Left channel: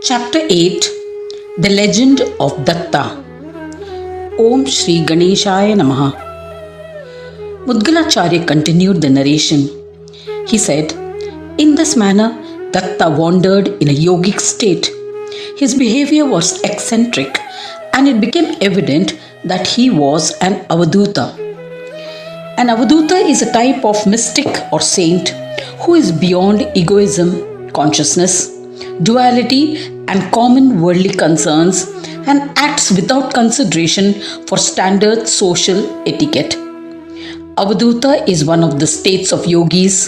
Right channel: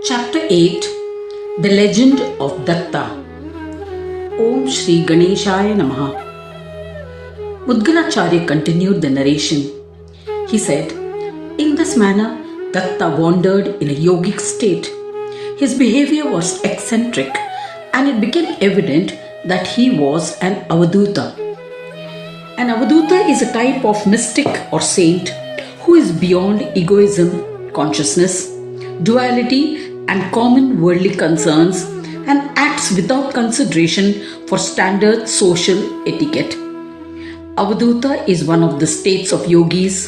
Chapter 8 The Legend of Datta. Om Shri Ganeshaya Namaha. Mudgulacharya continued the narration. He said, "In this manner, Datta wandered in a yogic state. His behavior was eccentric, and it became evident that he was an Avadhuta. An Avadhuta is a type of mystic or saint who is beyond egoism, consciousness, duality, and common worldly concerns and acts without consideration for standard social etiquette. Avadhuta is one of the states of yogis.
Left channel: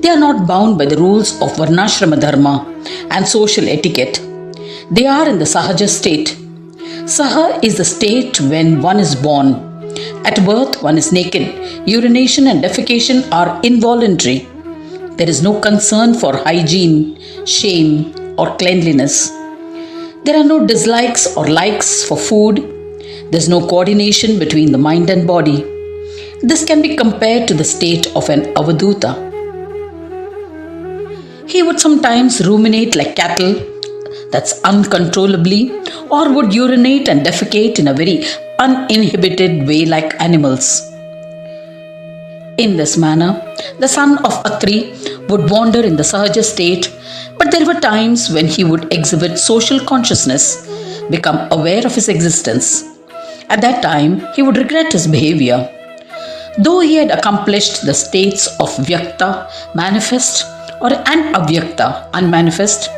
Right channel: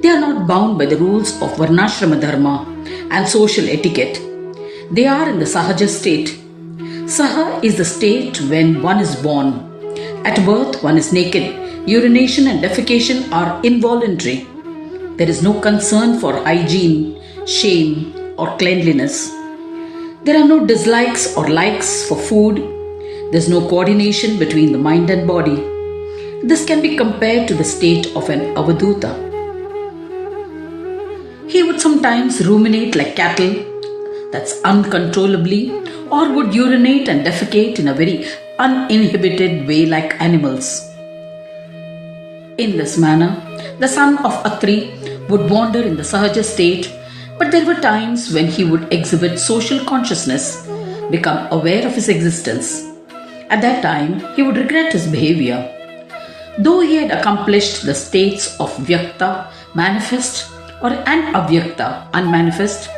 They are not bound by the rules of Varnashrama Dharma and social etiquette. They are in the Sahaja state. Saha is the state when one is born. At birth, one is naked. Urination and defecation are involuntary. There is no concern for hygiene, shame, or cleanliness. There are no dislikes or likes for food. There is no coordination between the mind and body. This can be compared to the state of an Avadhuta. He would sometimes ruminate like cattle, that's uncontrollably, or would urinate and defecate in a very uninhibited way like animals. In this manner, the son of Atri would wander in the Sahaja state, but there were times when he would exhibit social consciousness, become aware of his existence. At that time, he would regret his behavior. Though he had accomplished the states of Vyakta, manifest, and Avyakta, unmanifest,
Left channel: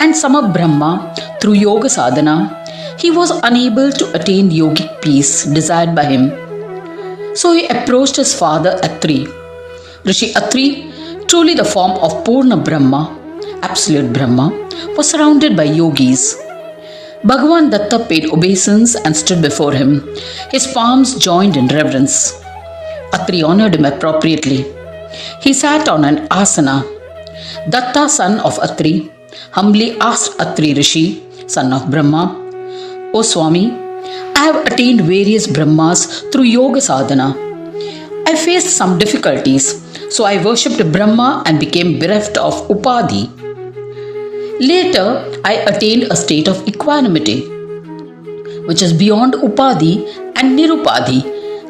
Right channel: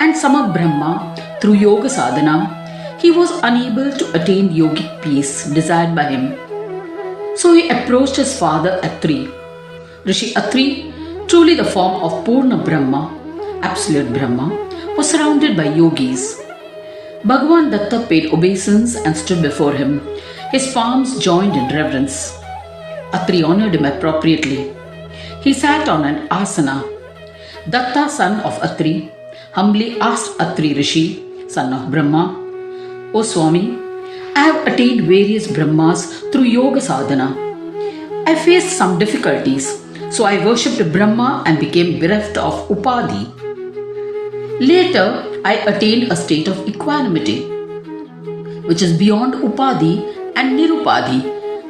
and Samabrahma through yoga sadhana, he was unable to attain yogic peace desired by him. So he approached his father Atri. Rishi Atri, truly the form of Purna Brahma, absolute Brahma, was surrounded by yogis. Bhagavan Datta paid obeisance and stood before him, his palms joined in reverence. Atri honored him appropriately. He sat on an asana. Datta, son of Atri, humbly asked Atri Rishi, son of Brahma, "O Swami, I have attained various Brahmas through yoga sadhana. I faced some difficulties, so I worshipped Brahma and became bereft of Upadhi. Later, I attained a state of equanimity, which is beyond Upadhi and Nirupadhi,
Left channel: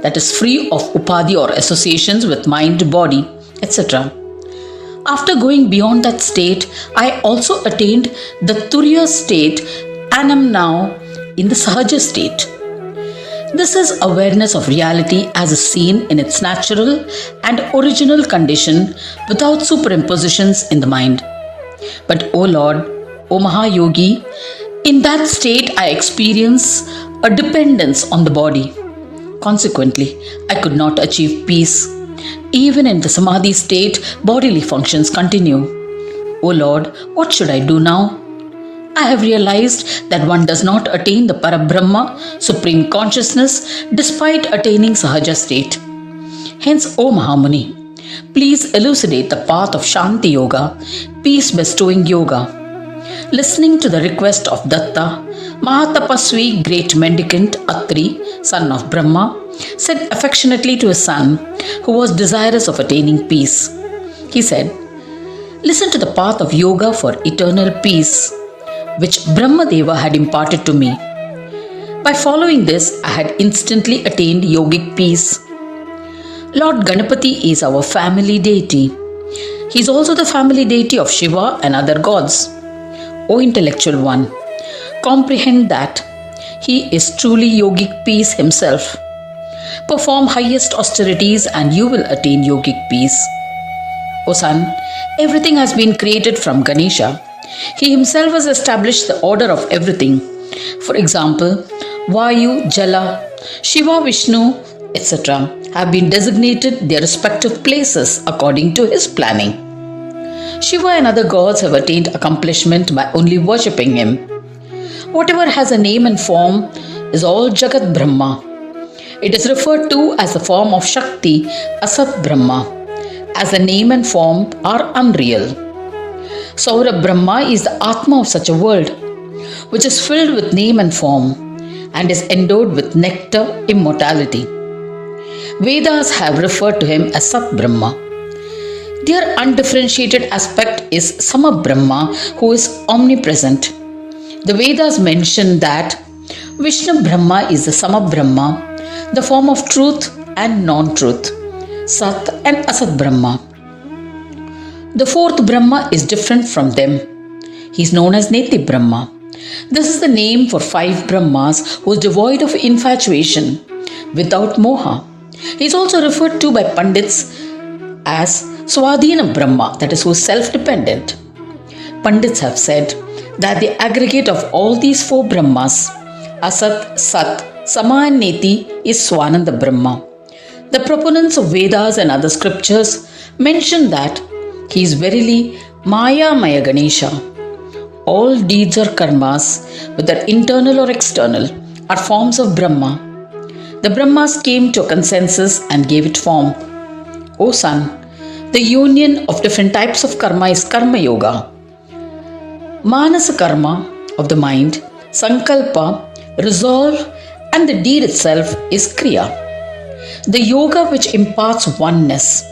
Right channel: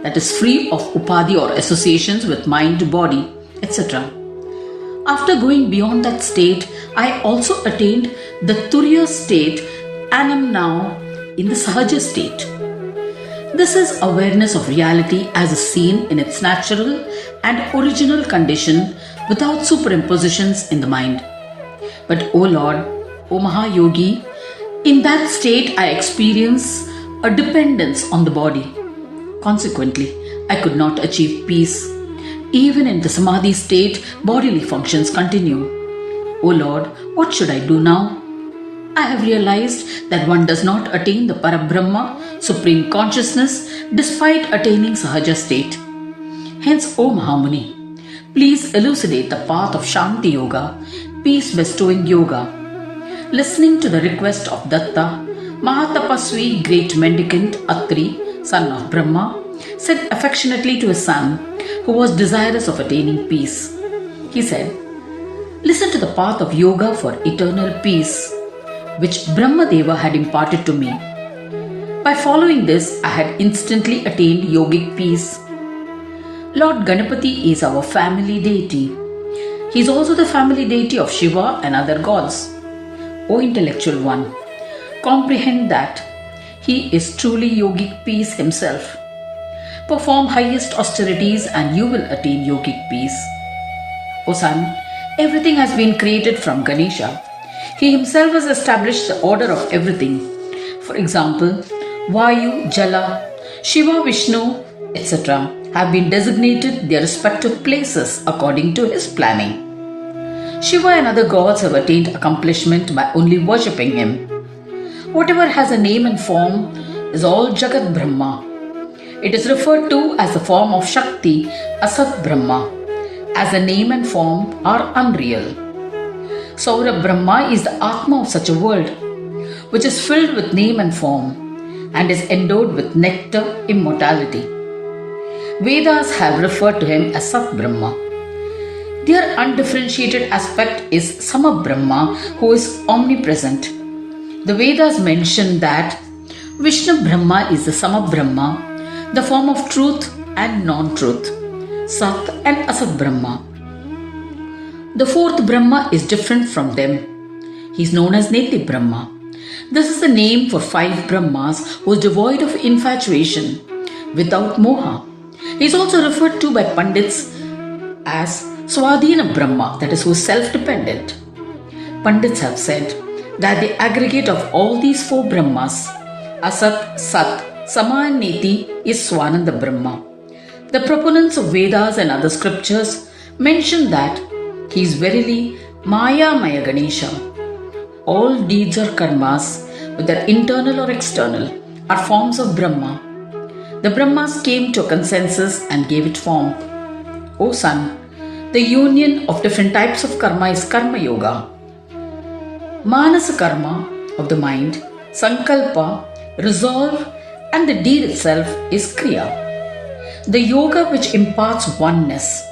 that is free of Upadhi or associations with mind, body, etc. After going beyond that state, I also attained the Turiya state and am now in the Sahaja state. This is awareness of reality as is seen in its natural and original condition without superimpositions in the mind. But O Lord, O Mahayogi, in that state I experience a dependence on the body. Consequently, I could not achieve peace. Even in the Samadhi state, bodily functions continue. O Lord, what should I do now? I have realized that one does not attain the Parabrahma, supreme consciousness, despite attaining Sahaja state. Hence, O Mahamuni, please elucidate the path of Shanti Yoga, peace-bestowing yoga." Listening to the request of Datta, Mahatapasvi, great mendicant Atri, son of Brahma, said affectionately to his son, who was desirous of attaining peace. He said, "Listen to the path of yoga for eternal peace, which Brahmadeva had imparted to me. By following this, I had instantly attained yogic peace. Lord Ganapati is our family deity. He is also the family deity of Shiva and other gods. O intellectual one, comprehend that he is truly yogic peace himself. Perform highest austerities and you will attain yogic peace. O son, everything has been created from Ganesha. He himself has established the order of everything. For example, Vayu, Jala, Shiva, Vishnu, etc. have been designated their respective places according to his planning. Shiva and other gods have attained accomplishment by only worshipping him. Whatever has a name and form is all Jagat Brahma. It is referred to as the form of Shakti, Asat Brahma, as the name and form are unreal. Saura Brahma is the Atma of such a world, which is filled with name and form, and is endowed with nectar, immortality. Vedas have referred to him as Sat Brahma. Their undifferentiated aspect is Sama Brahma, who is omnipresent. The Vedas mention that Vishnu Brahma is the sum of Brahma, the form of truth and non-truth, Sat and Asat Brahma. The fourth Brahma is different from them. He is known as Neti Brahma. This is the name for five Brahmas who is devoid of infatuation, without moha. He is also referred to by Pandits as Swadhina Brahma, that is, who is self-dependent. Pandits have said that the aggregate of all these four Brahmas, Asat, Sat, Sama and Neti, is Swananda Brahma. The proponents of Vedas and other scriptures mention that he is verily Maya Maya Ganesha. All deeds or karmas, whether internal or external, are forms of Brahma. The Brahmas came to a consensus and gave it form. O son, the union of different types of karma is Karma Yoga. Manasa karma of the mind, Sankalpa, resolve, and the deed itself is Kriya. The yoga which imparts oneness,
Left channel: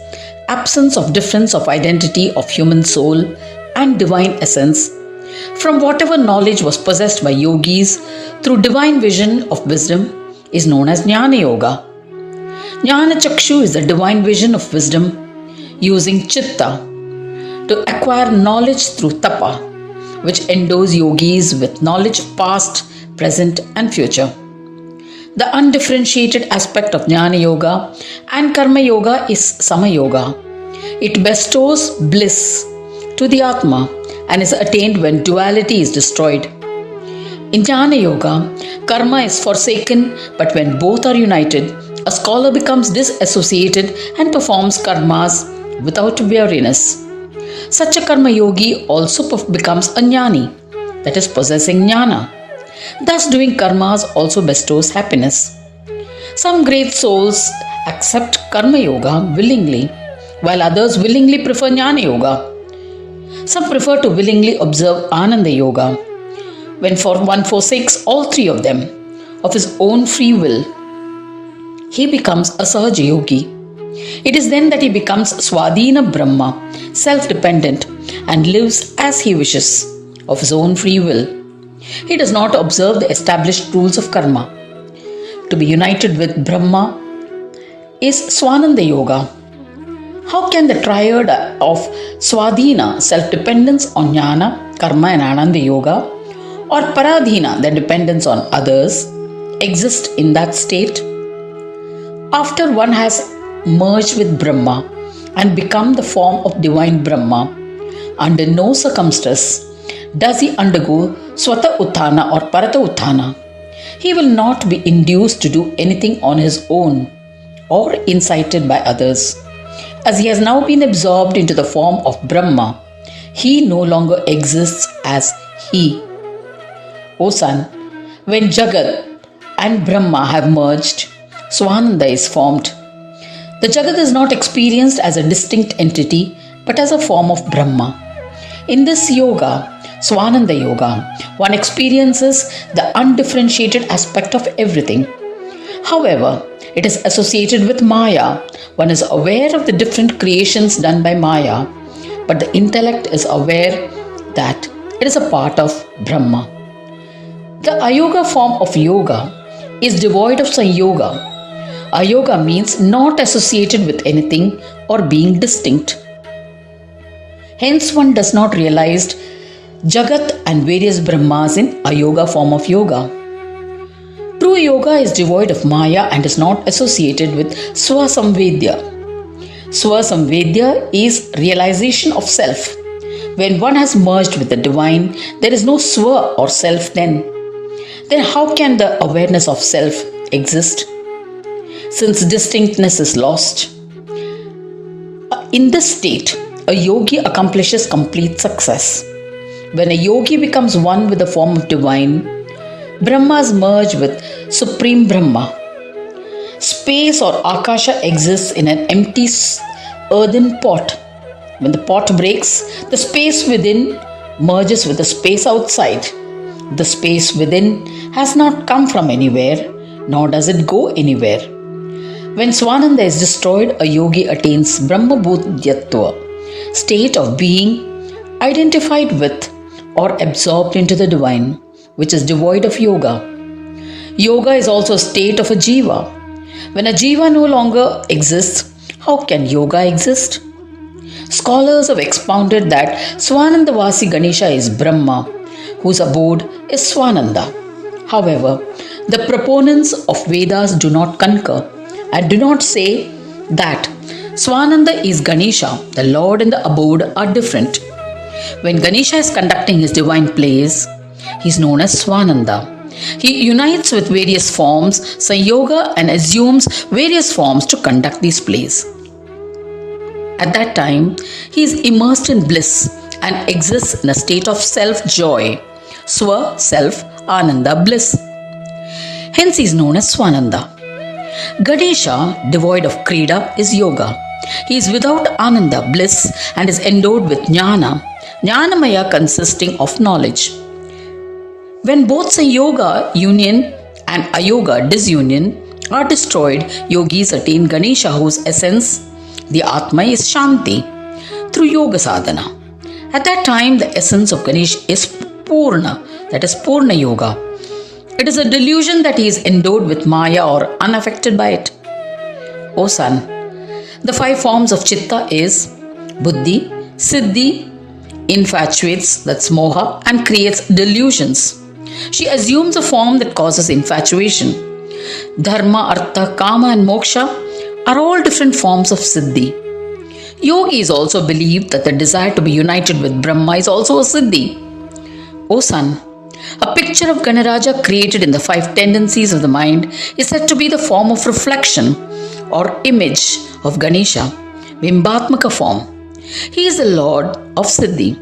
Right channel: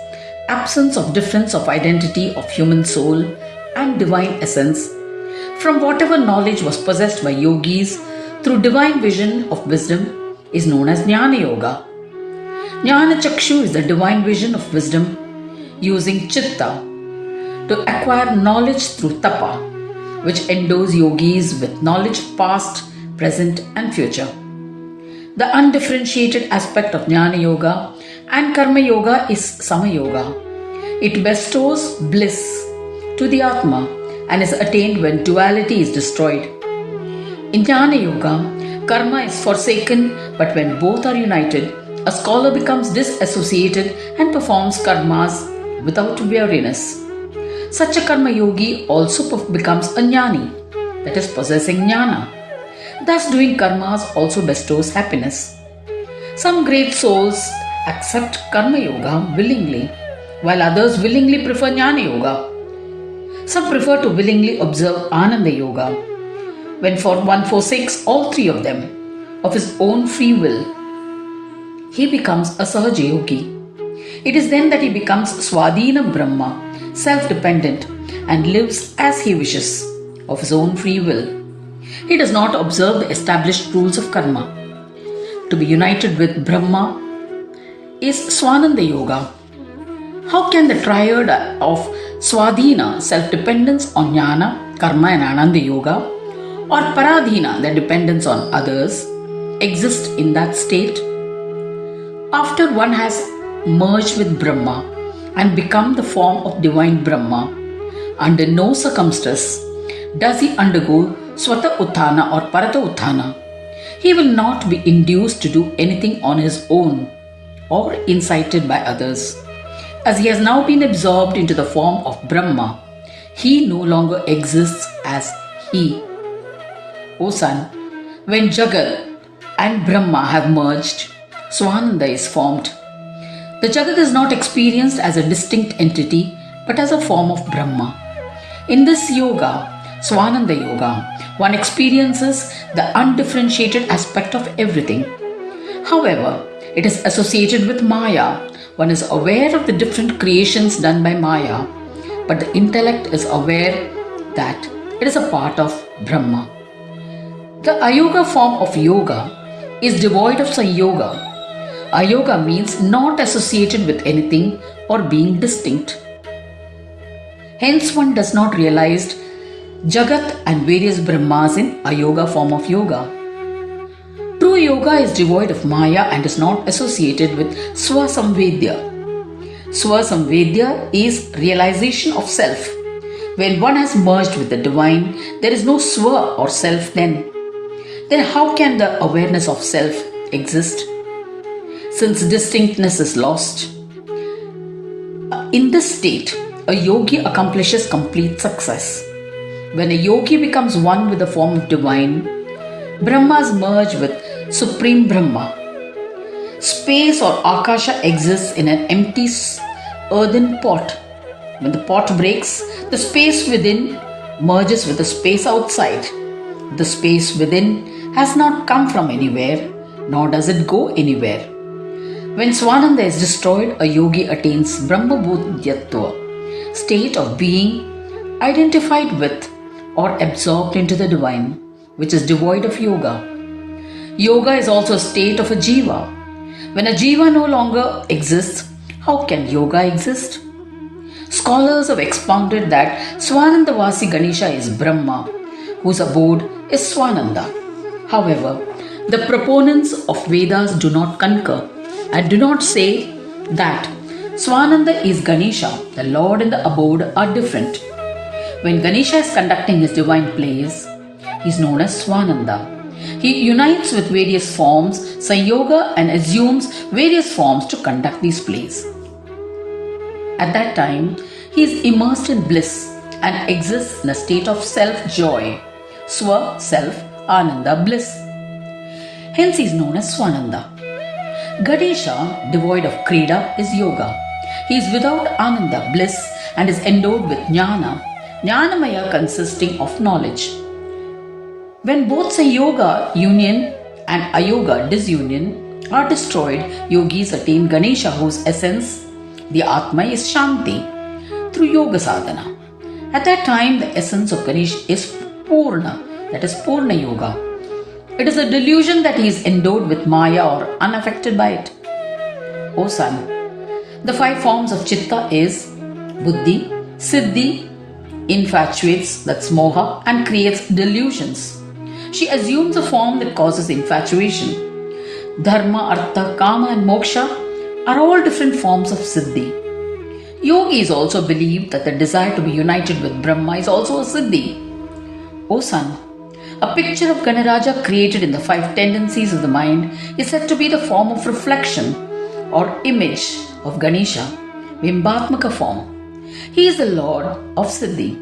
absence of difference of identity of human soul and divine essence, from whatever knowledge was possessed by yogis through divine vision of wisdom, is known as Jnana Yoga. Jnana Chakshu is the divine vision of wisdom using Chitta to acquire knowledge through Tapa, which endows yogis with knowledge of past, present and future. The undifferentiated aspect of Jnana Yoga and Karma Yoga is Sama Yoga. It bestows bliss to the Atma and is attained when duality is destroyed. In Jnana Yoga, karma is forsaken, but when both are united, a scholar becomes disassociated and performs karmas without weariness. Such a karma yogi also becomes a jnani, that is, possessing jnana. Thus, doing karmas also bestows happiness. Some great souls accept karma yoga willingly, while others willingly prefer jnana yoga. Some prefer to willingly observe Ananda Yoga. When one forsakes all three of them, of his own free will, he becomes a Sahaja Yogi. It is then that he becomes Swadhina Brahma, self-dependent, and lives as he wishes, of his own free will. He does not observe the established rules of karma. To be united with Brahma is Swananda Yoga. How can the triad of Swadhina, self-dependence on Jnana, Karma and Ananda Yoga, or Paradhina, the dependence on others, exist in that state? After one has merged with Brahma and become the form of divine Brahma, under no circumstance does he undergo Swata Utthana or Parata Utthana. He will not be induced to do anything on his own or incited by others. As he has now been absorbed into the form of Brahma, he no longer exists as he. O son, when Jagat and Brahma have merged, Swananda is formed. The Jagat is not experienced as a distinct entity but as a form of Brahma. In this yoga, Swananda Yoga, one experiences the undifferentiated aspect of everything. However, it is associated with Maya. One is aware of the different creations done by Maya, but the intellect is aware that it is a part of Brahma. The Ayoga form of yoga is devoid of Sanyoga. Ayoga means not associated with anything or being distinct. Hence, one does not realize Jagat and various Brahmas in Ayoga form of yoga. True yoga is devoid of Maya and is not associated with Swasamvedya. Swasamvedya is realization of self. When one has merged with the divine, there is no Swa or self then. Then how can the awareness of self exist? Since distinctness is lost. In this state, a yogi accomplishes complete success. When a yogi becomes one with the form of divine, Brahmas merge with Supreme Brahma. Space or Akasha exists in an empty earthen pot. When the pot breaks, the space within merges with the space outside. The space within has not come from anywhere, nor does it go anywhere. When Swananda is destroyed, a yogi attains Brahma Bhudyatva, state of being identified with or absorbed into the divine. which is devoid of yoga. Yoga is also a state of a jiva. When a jiva no longer exists, how can yoga exist? Scholars have expounded that Swanandavasi Ganesha is Brahma, whose abode is Swananda. However, the proponents of Vedas do not concur and do not say that Swananda is Ganesha, the Lord and the abode are different. When Ganesha is conducting his divine plays, he is known as Swananda. He unites with various forms, Sanyoga, and assumes various forms to conduct these plays. At that time, he is immersed in bliss and exists in a state of self-joy, Swa, self, Ananda, bliss. Hence he is known as Swananda. Ganesha, devoid of Krida, is Yoga. He is without Ananda, bliss, and is endowed with Jnana, Jnanamaya consisting of knowledge. When both Sanyoga, union, and Ayoga, disunion, are destroyed, yogis attain Ganesha, whose essence, the Atma, is Shanti, through Yoga sadhana. At that time, the essence of Ganesha is Purna, that is Purna Yoga. It is a delusion that he is endowed with Maya or unaffected by it. O son, the 5 forms of Chitta is Buddhi, Siddhi, infatuates, that's Moha, and creates delusions. She assumes a form that causes infatuation. Dharma, Artha, Kama, and Moksha are all different forms of Siddhi. Yogis also believe that the desire to be united with Brahma is also a Siddhi. O son, a picture of Ganaraja created in the 5 tendencies of the mind is said to be the form of reflection or image of Ganesha, Bimbhatmaka form. He is the Lord of Siddhi,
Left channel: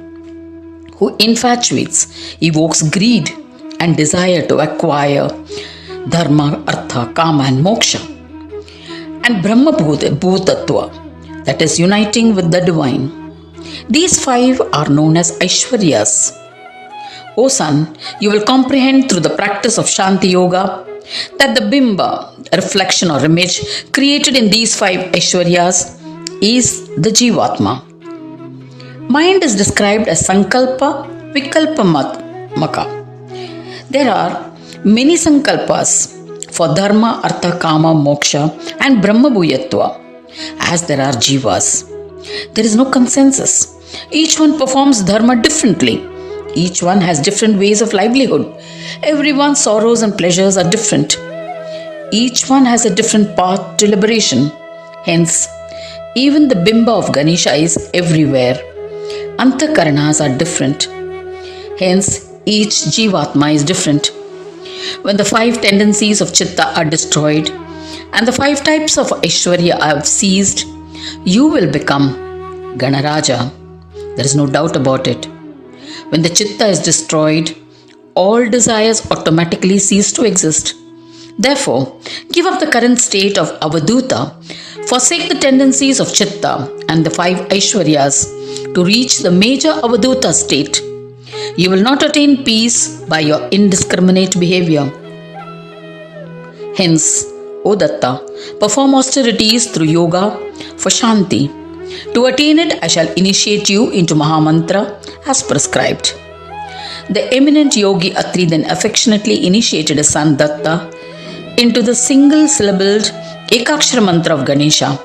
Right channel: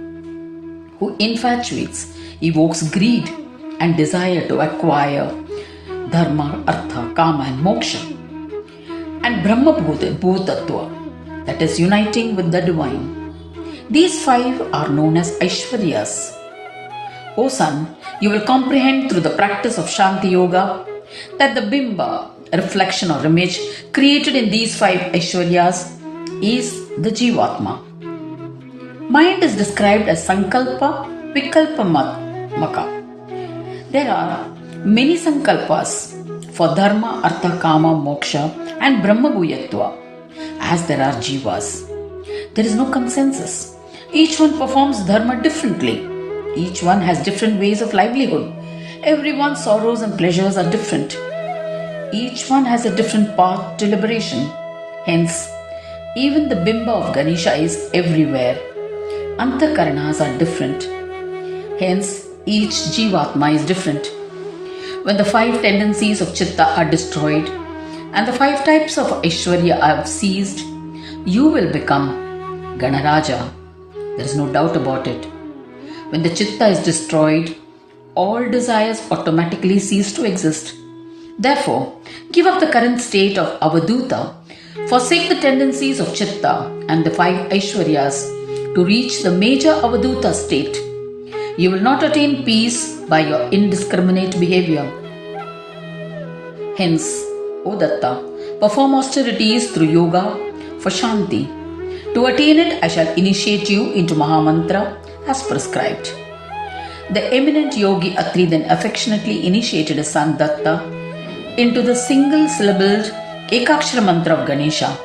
who infatuates, evokes greed and desire to acquire Dharma, Artha, Kama, and Moksha. And Brahma Bhutatva, that is uniting with the divine. These 5 are known as Aishwaryas. O son, you will comprehend through the practice of Shanti Yoga that the Bimba, reflection or image created in these 5 Aishwaryas, is the Jivatma. Mind is described as Sankalpa Vikalpamaka. There are many Sankalpas for Dharma, Artha, Kama, Moksha, and Brahma Bhuyatva, as there are Jivas. There is no consensus. Each one performs Dharma differently. Each one has different ways of livelihood. Everyone's sorrows and pleasures are different. Each one has a different path to liberation. Hence, even the Bimba of Ganesha is everywhere. Antakaranas are different. Hence, each Jivatma is different. When the 5 tendencies of Chitta are destroyed and the 5 types of Aishwarya have ceased, you will become Ganaraja. There is no doubt about it. When the Chitta is destroyed, all desires automatically cease to exist. Therefore, give up the current state of Avadhuta, forsake the tendencies of Chitta and the 5 Aishwaryas to reach the major Avadhuta state. You will not attain peace by your indiscriminate behavior. Hence, O Datta, perform austerities through yoga for Shanti. To attain it, I shall initiate you into Mahamantra as prescribed. The eminent Yogi Atri then affectionately initiated his son Datta into the single-syllabled Ekakshara mantra of Ganesha.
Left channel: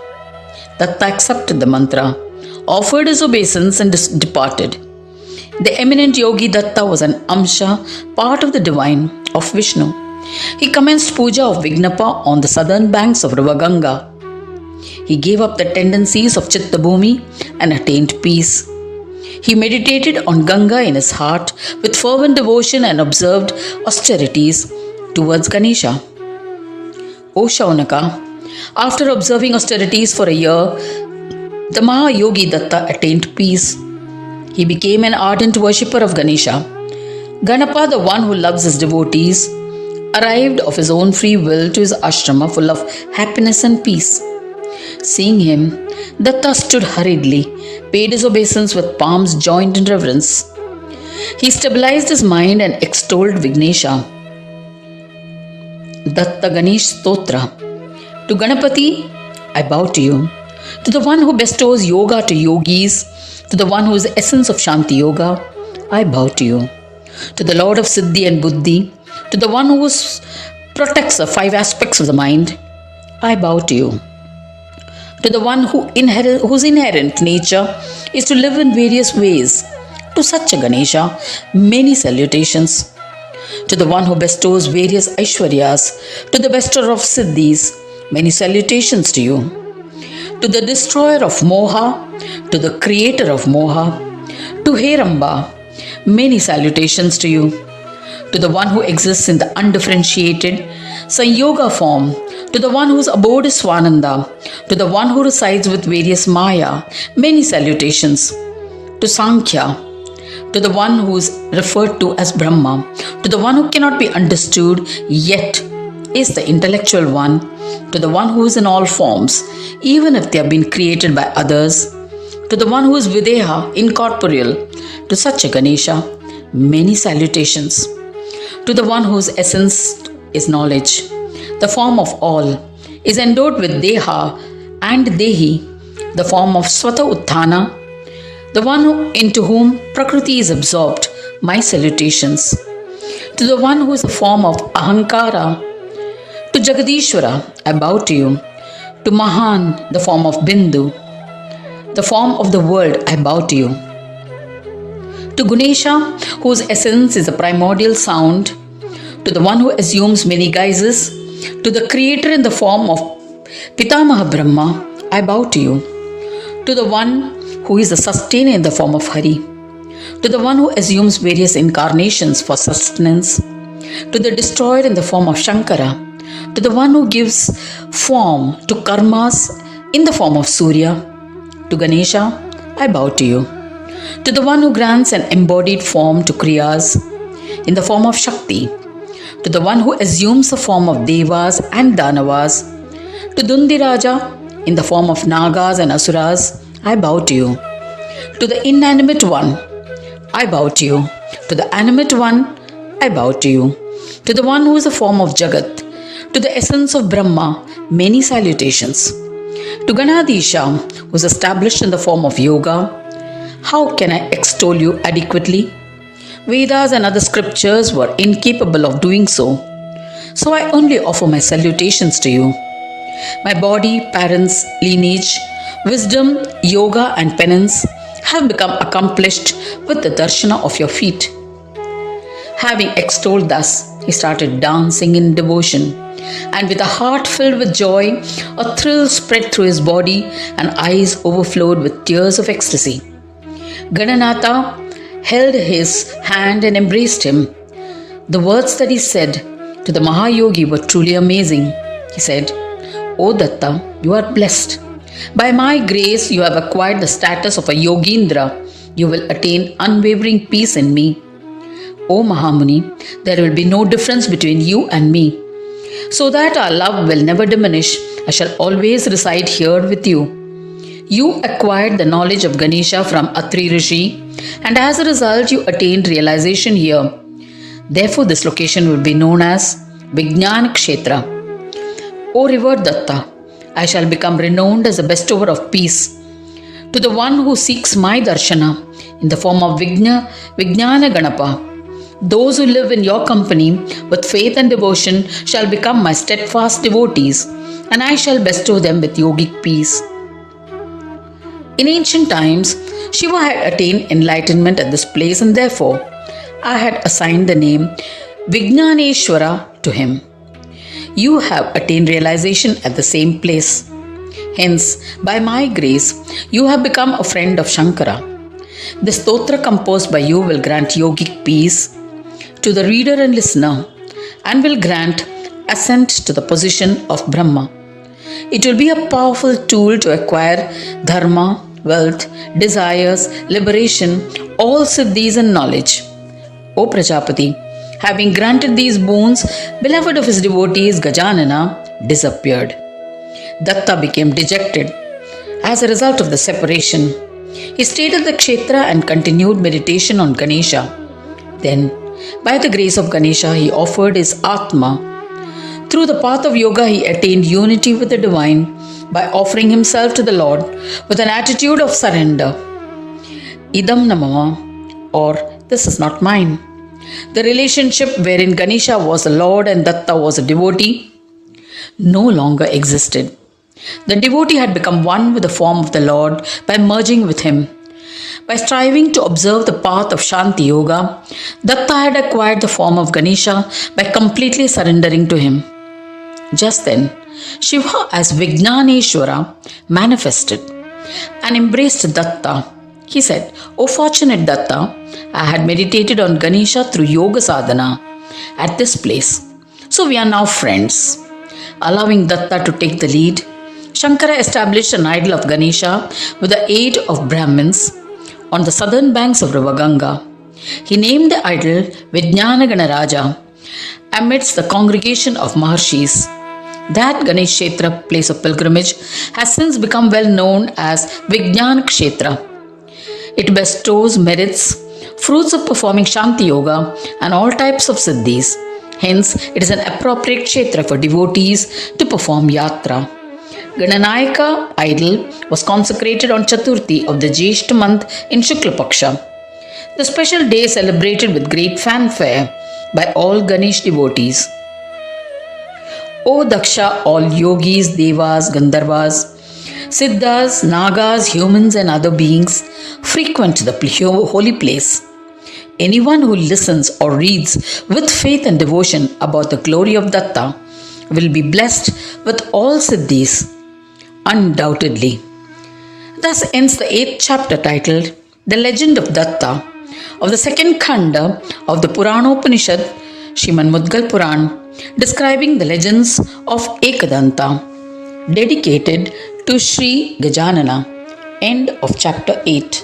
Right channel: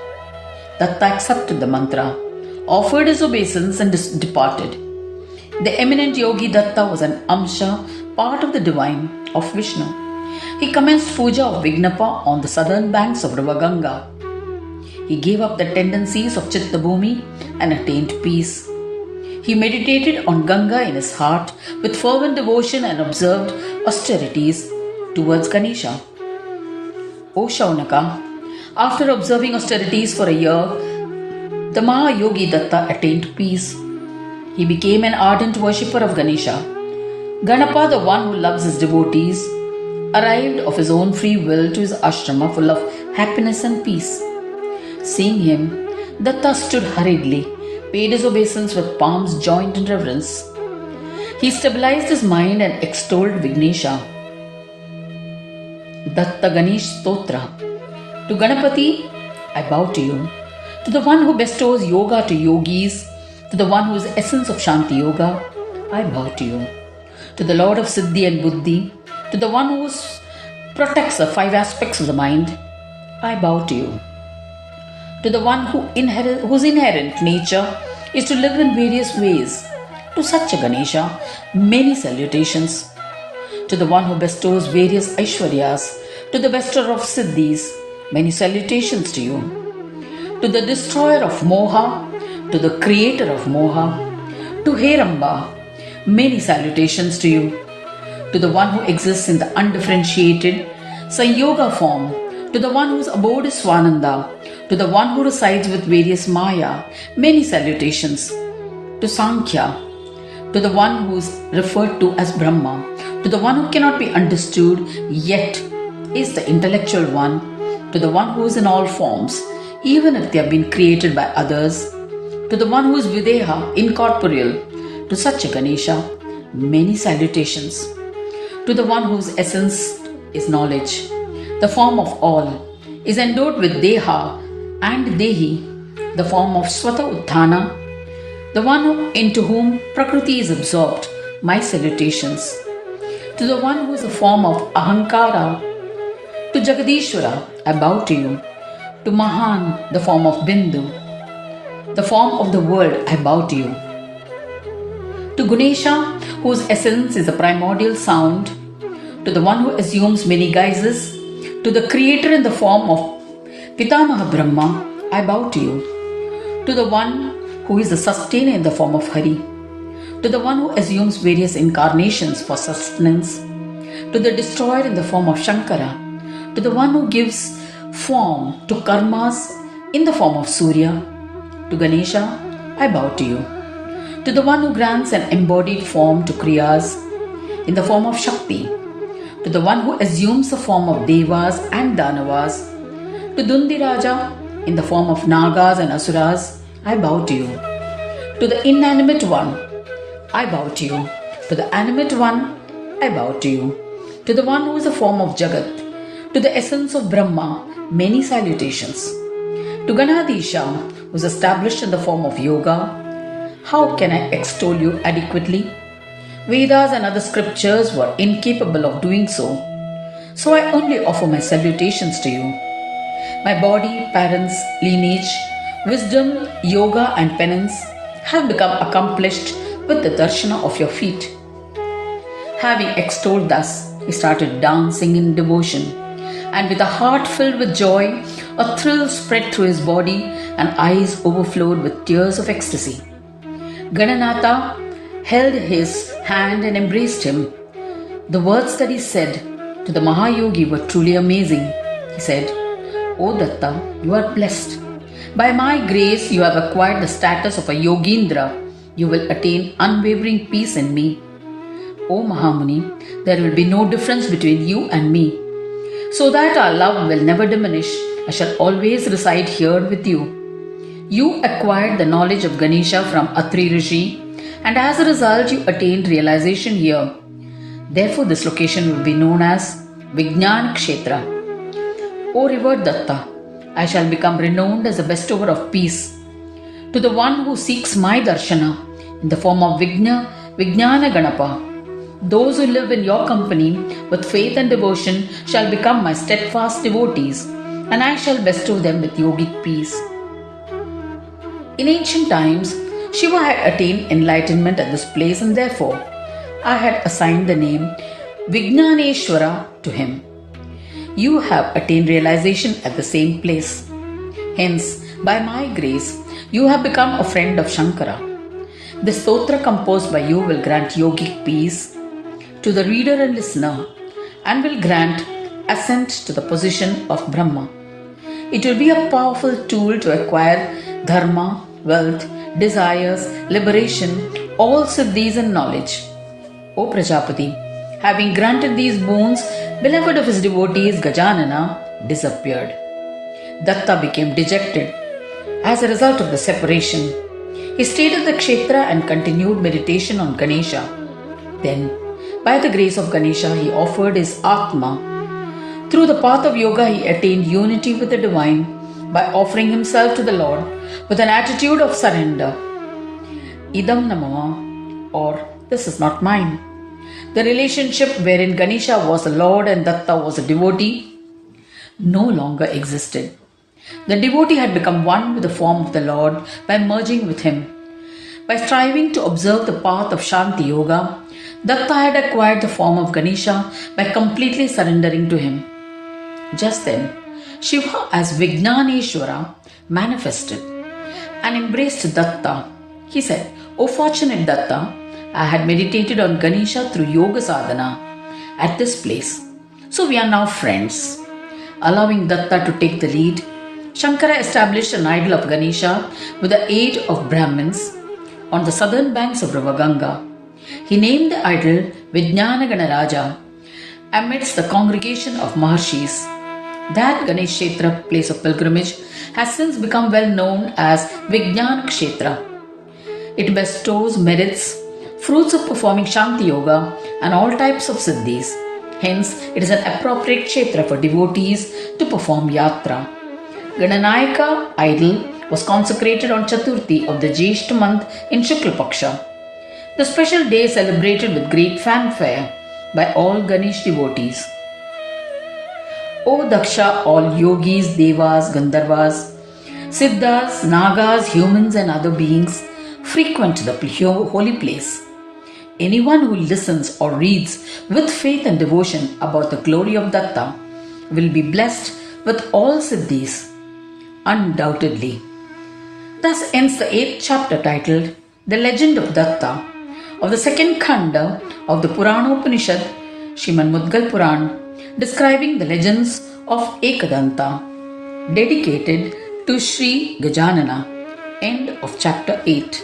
Datta accepted the mantra, offered his obeisance and departed. The eminent Yogi Datta was an Amsha, part of the divine of Vishnu. He commenced puja of Vignapa on the southern banks of River Ganga. He gave up the tendencies of Chitta Bhumi and attained peace. He meditated on Ganga in his heart with fervent devotion and observed austerities towards Ganesha. O Shaunaka, after observing austerities for a year, the Mahayogi Datta attained peace. He became an ardent worshipper of Ganesha. Ganapa, the one who loves his devotees, arrived of his own free will to his ashrama full of happiness and peace. Seeing him, Datta stood hurriedly, paid his obeisance with palms joined in reverence. He stabilized his mind and extolled Vignesha. Datta Ganesh Stotra. To Ganapati, I bow to you. To the one who bestows yoga to yogis, to the one who is the essence of Shanti Yoga, I bow to you. to the Lord of Siddhi and Buddhi, to the one who protects the five aspects of the mind, I bow to you. To the one whose inherent nature is to live in various ways, to such a Ganesha, many salutations. To the one who bestows various Aishwaryas, to the bestower of Siddhis, many salutations to you. To the destroyer of Moha, to the creator of Moha, to Heramba, many salutations to you. To the one who exists in the undifferentiated Sanyoga form, to the one whose abode is Swananda, to the one who resides with various Maya, many salutations. To Sankhya, to the one who is referred to as Brahma, to the one who cannot be understood yet is the intellectual one, to the one who is in all forms, even if they have been created by others, to the one who is Videha, incorporeal, to such a Ganesha, many salutations. To the one whose essence is knowledge, the form of all, is endowed with Deha and Dehi, the form of Swata Utthana, the one into whom Prakriti is absorbed, my salutations. To the one who is the form of Ahankara, to Jagadishwara, I bow to you. To Mahan, the form of Bindu, the form of the world, I bow to you. To Ganesha, whose essence is a primordial sound, to the one who assumes many guises, to the creator in the form of Pitamaha Brahma, I bow to you. To the one who is the sustainer in the form of Hari, to the one who assumes various incarnations for sustenance, to the destroyer in the form of Shankara, to the one who gives form to karmas in the form of Surya, to Ganesha, I bow to you. To the one who grants an embodied form to Kriyas in the form of Shakti, to the one who assumes the form of Devas and Danavas, to Dundiraja in the form of Nagas and Asuras, I bow to you. To the inanimate one, I bow to you. To the animate one, I bow to you. To the one who is the form of Jagat, to the essence of Brahma, many salutations. To Ganadisha, who is established in the form of Yoga, how can I extol you adequately? Vedas and other scriptures were incapable of doing so. So I only offer my salutations to you. My body, parents, lineage, wisdom, yoga and penance have become accomplished with the darshana of your feet. Having extolled thus, he started dancing in devotion, and with a heart filled with joy, a thrill spread through his body and eyes overflowed with tears of ecstasy. Gananatha held his hand and embraced him. The words that he said to the Mahayogi were truly amazing. He said, O Datta, you are blessed. By my grace, you have acquired the status of a Yogindra. You will attain unwavering peace in me. O Mahamuni, there will be no difference between you and me. So that our love will never diminish, I shall always reside here with you. You acquired the knowledge of Ganesha from Atri Rishi, and as a result, you attained realization here. Therefore, this location will be known as Vijnana Kshetra. O revered Datta, I shall become renowned as the bestower of peace. To the one who seeks my darshana in the form of Vijnana Ganapa, those who live in your company with faith and devotion shall become my steadfast devotees, and I shall bestow them with yogic peace. In ancient times, Shiva had attained enlightenment at this place, and therefore I had assigned the name Vijnaneshwara to him. You have attained realization at the same place. Hence, by my grace, you have become a friend of Shankara. The stotra composed by you will grant yogic peace to the reader and listener, and will grant ascent to the position of Brahma. It will be a powerful tool to acquire dharma, wealth, desires, liberation, all siddhis and knowledge. O Prajapati, having granted these boons, beloved of his devotees Gajanana disappeared. Datta became dejected as a result of the separation. He stayed at the kshetra and continued meditation on Ganesha. Then, by the grace of Ganesha, he offered his Atma. Through the path of yoga, he attained unity with the divine by offering himself to the Lord with an attitude of surrender. Idam namama, or this is not mine. The relationship wherein Ganesha was the Lord and Datta was a devotee no longer existed. The devotee had become one with the form of the Lord by merging with him. By striving to observe the path of Shanti Yoga, Datta had acquired the form of Ganesha by completely surrendering to him. Just then, Shiva as Vijnaneshwara manifested and embraced Datta. He said, "O fortunate Datta, I had meditated on Ganesha through yoga sadhana at this place. So we are now friends." Allowing Datta to take the lead, Shankara established an idol of Ganesha with the aid of Brahmins on the southern banks of River Ganga. He named the idol Vijnanagana Raja amidst the congregation of Maharshis. That Ganesh Kshetra, place of pilgrimage, has since become well known as Vijnan Kshetra. It bestows merits, fruits of performing Shanti Yoga and all types of siddhis. Hence, it is an appropriate kshetra for devotees to perform yatra. Gananayaka idol was consecrated on Chaturthi of the Jyeshta month in Shukla Paksha. The special day is celebrated with great fanfare by all Ganesh devotees. O Daksha, all yogis, devas, gandharvas, siddhas, nagas, humans and other beings frequent the holy place. Anyone who listens or reads with faith and devotion about the glory of Datta will be blessed with all siddhis, undoubtedly. Thus ends the 8th chapter titled The Legend of Datta of the second Khanda of the Puranopanishad, Srimad Mudgal Purana, describing the legends of Ekadanta, dedicated to Sri Gajanana. End of chapter 8.